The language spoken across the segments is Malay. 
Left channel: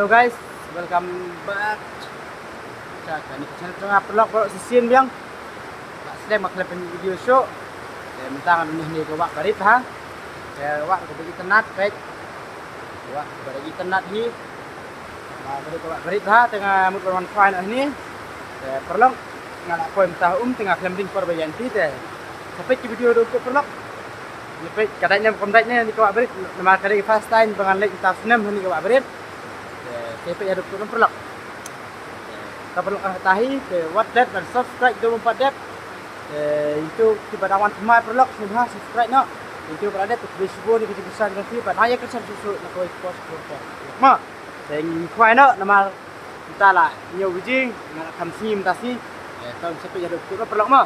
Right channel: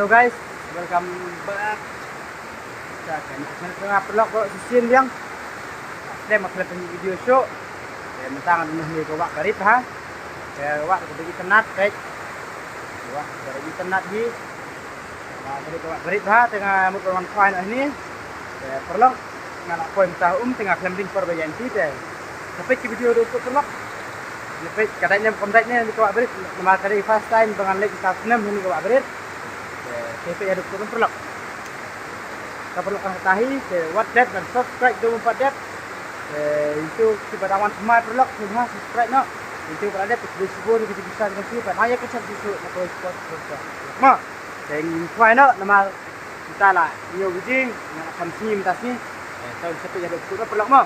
Halo guys, welcome back sa kanil channel ko nga pala ko si Sin Biang. Sedang maklap ng video show. Kaya mentangan rumah ni ko wak karit ha. Kaya wak ko bagi tenat baik. Wak bagi tenat hi. Kaya ko wak karit ha tengah mutwan fine ni. Kaya perlu nganak poin tah tengah klambing perbayan ti teh. Sampai ke video do ko perlu. Sampai katanya kontaknya ni ko wak berit nama kali first time bangan lek kita senam ni ko wak berit. Kaya ada turun perlak. Kita perlu ketahui what that dan subscribe 24 that. Itu tiba dawan semai perlak sudah subscribe nak. Itu berada di Facebook ni kita bisa dengan tu. Pada ayat kesan susu nak kau ikut ikut. Ma, dengan kuai nak nama kita lah. New biji nak kamsi mutasi. Tahu siapa yang ada turun perlak ma.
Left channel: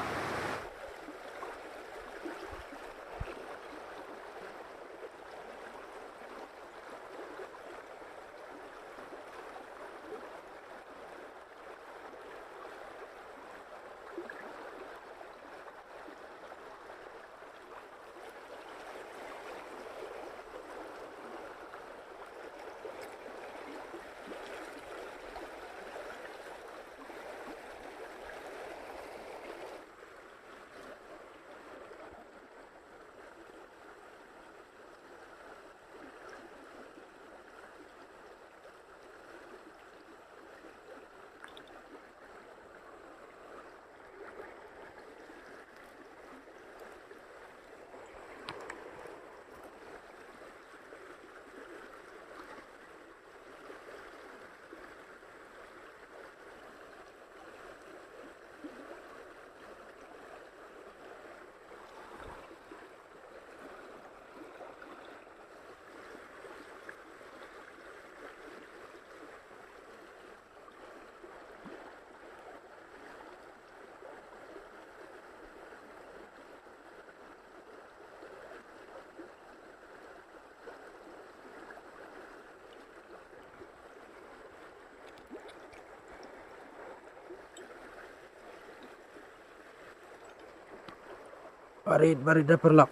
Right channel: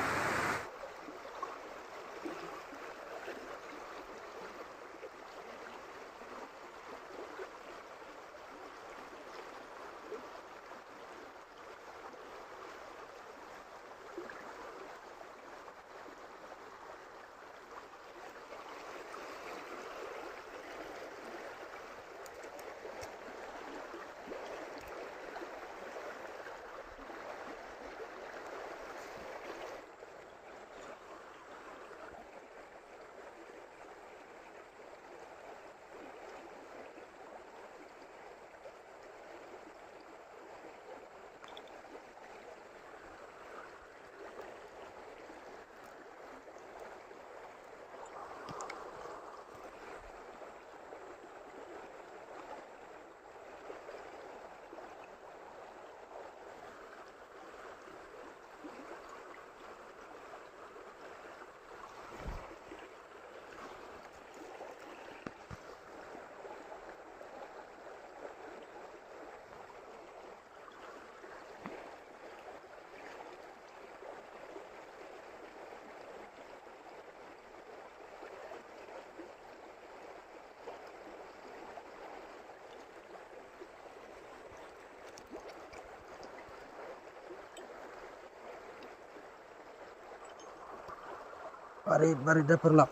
Barit dah perlak.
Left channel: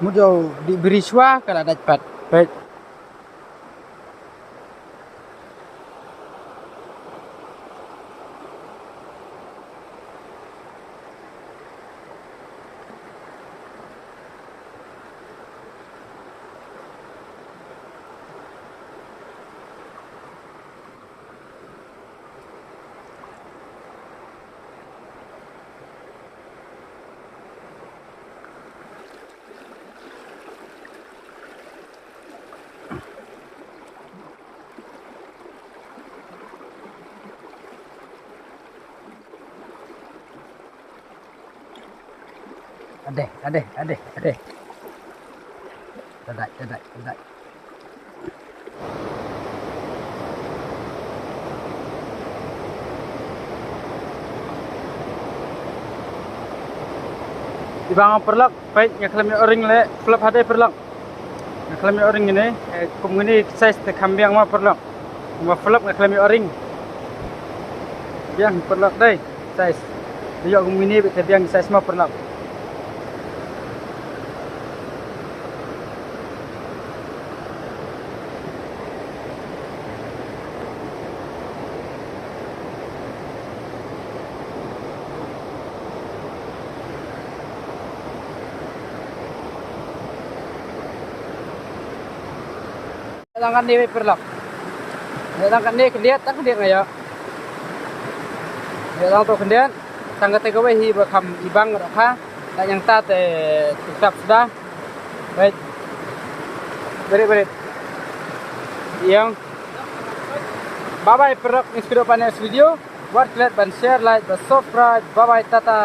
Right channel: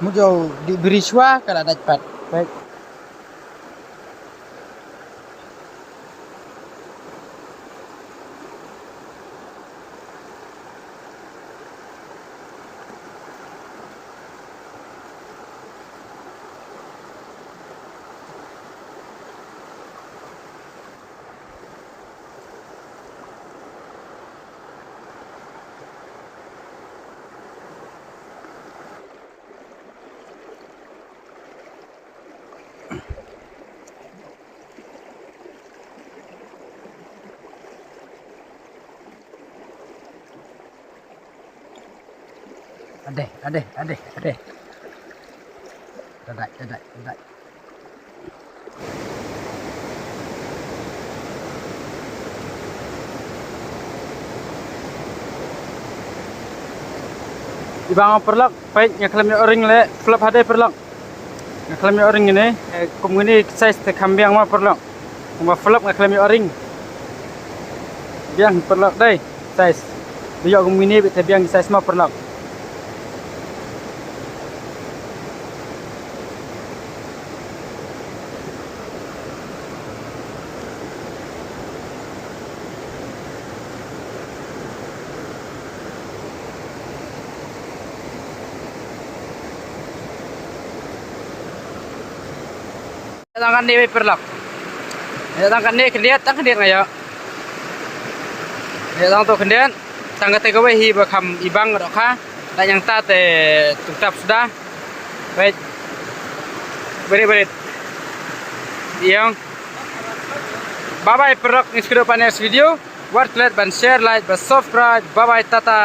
Mujo diberi syua kalau ada cepat. Baik. Ada. Dadah. Ibang perlak, baik nyaklami orang le, flap hade perlak. Nyaklami orang ini, kumuni size te kambing ma perlak. Kuma flap nyaklami orang. Biang perlak dai, size. Dia kumuni te biang size ma perlak. Datangkan ni perlak. Datangkan ni kendiat ngaya. Datang tu kendiat, tangga te gawe hi bakam ibang roka, dan yang ta te tutap sudah. Baik. Berit. Yang bye bye perlak ni sudah panas video. Buat like dan share, like dan subscribe. Bye bye tata.